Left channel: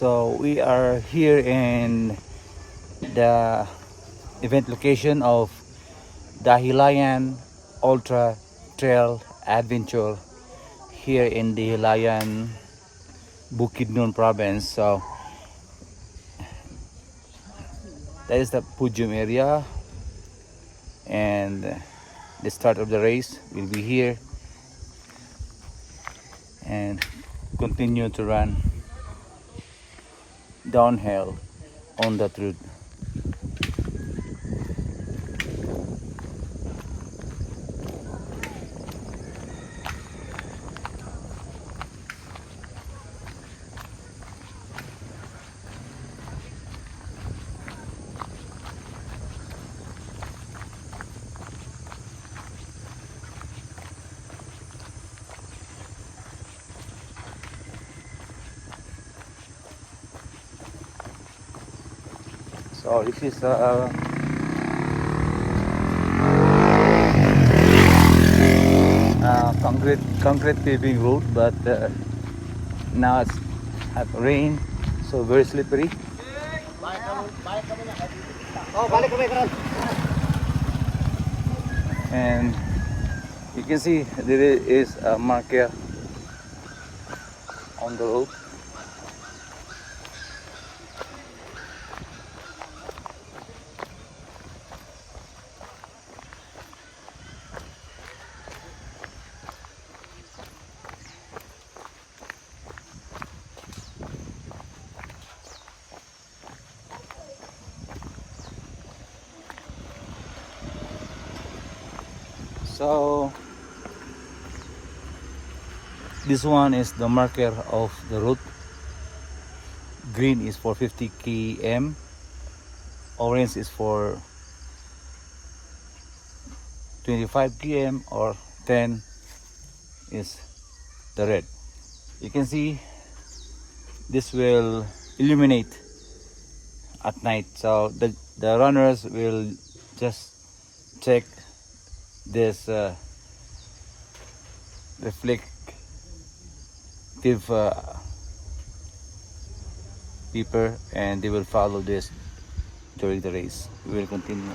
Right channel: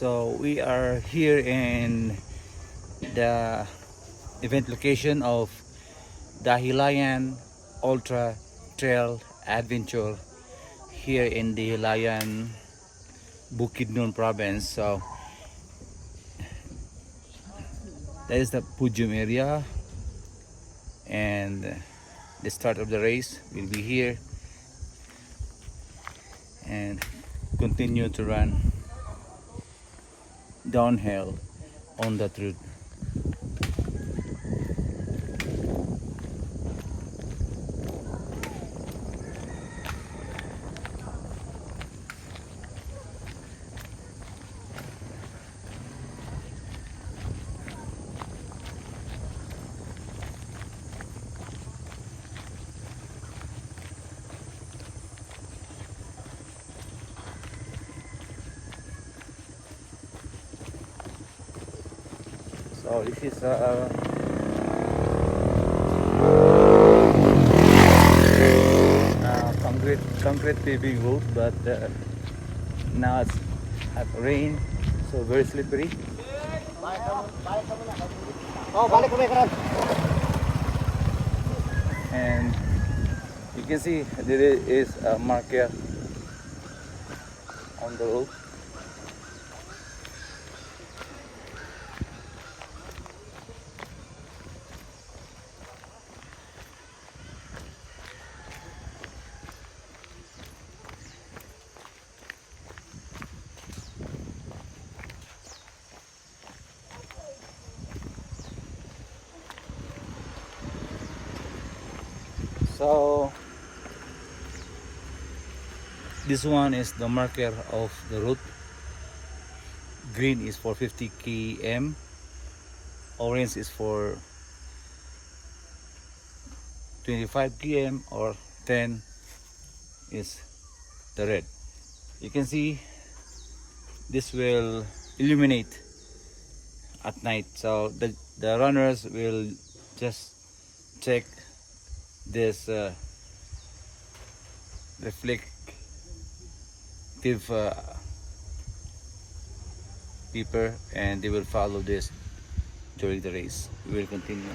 So we are here in the event location of Dahilayan Ultra Trail Adventure here in the Hilayan Bukidnon province. So that is the podium area, and the start of the race will be here and continue to run downhill on that route. So this is concrete paving road, but now it's at rain, so very slippery. And you can see there is a marker on the road. So this one is the marker of the route. Green is for 50 km, orange is for 25 km, or 10 is the red. You can see this will illuminate at night, so the runners will just check this reflective paper, and they will follow this during the race. We will continue.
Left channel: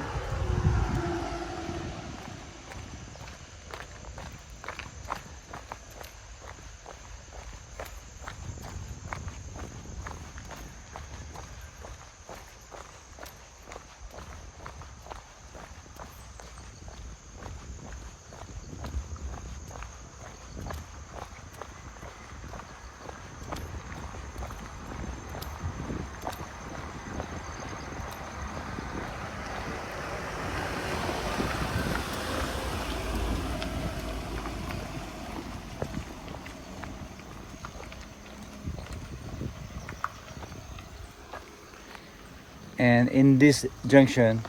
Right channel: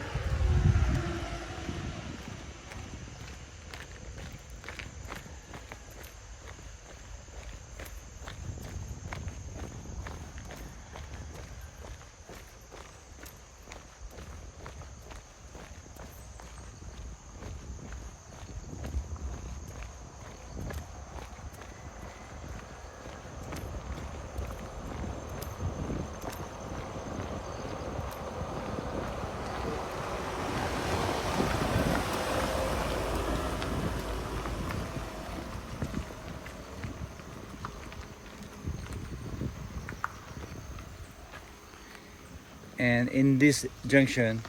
And in this junction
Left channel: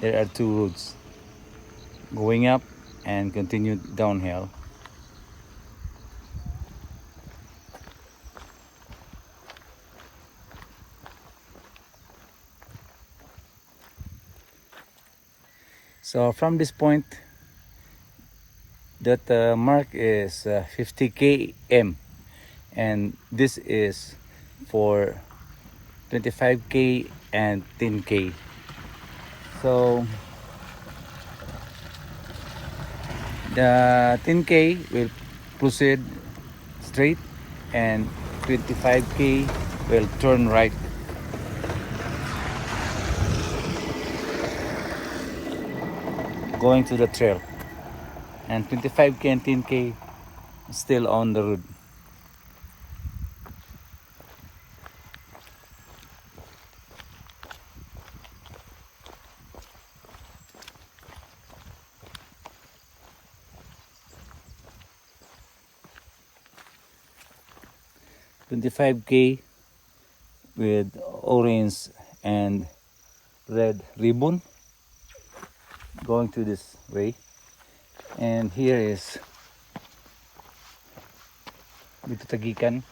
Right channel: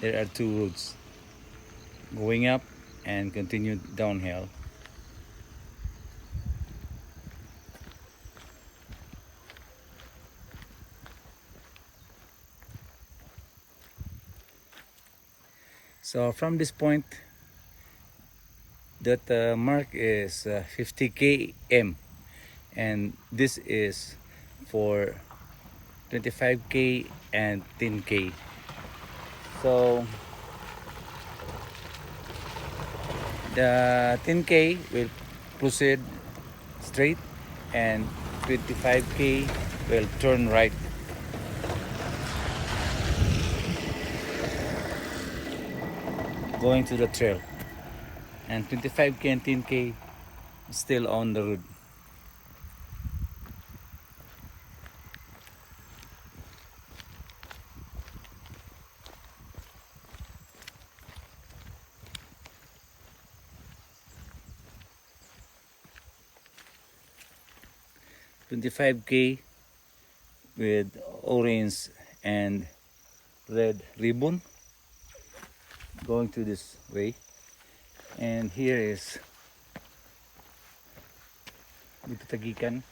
there are two roads going up and continue downhill. So from this point, that mark is 50 km, and this is for 25k and 10k. So the 10k will proceed straight, and 25k will turn right. Going to the trail, and 25k and 10k still on the road. $25k with orange and red ribbon going to this way, and here is dito Tagikan.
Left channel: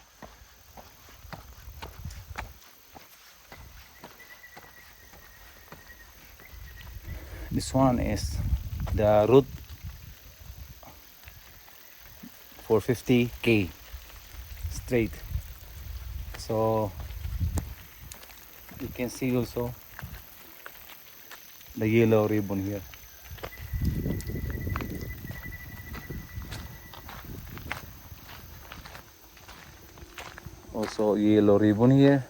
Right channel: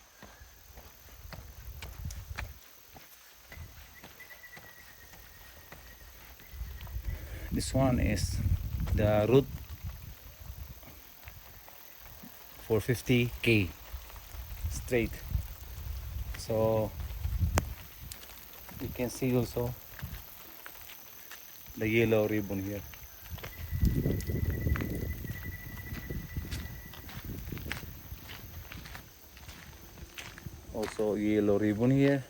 This one is the route for 50k straight. So you can see also the yellow ribbon here. Also yellow ribbon here.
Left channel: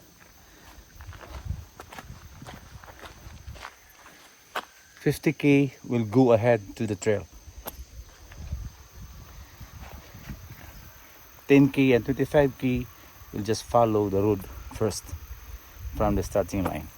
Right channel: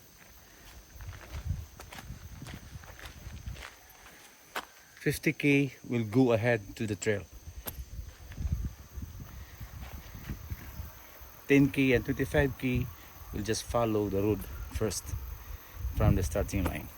$50K will go ahead to the trail. 10K and 25K will just follow the road first from the starting line.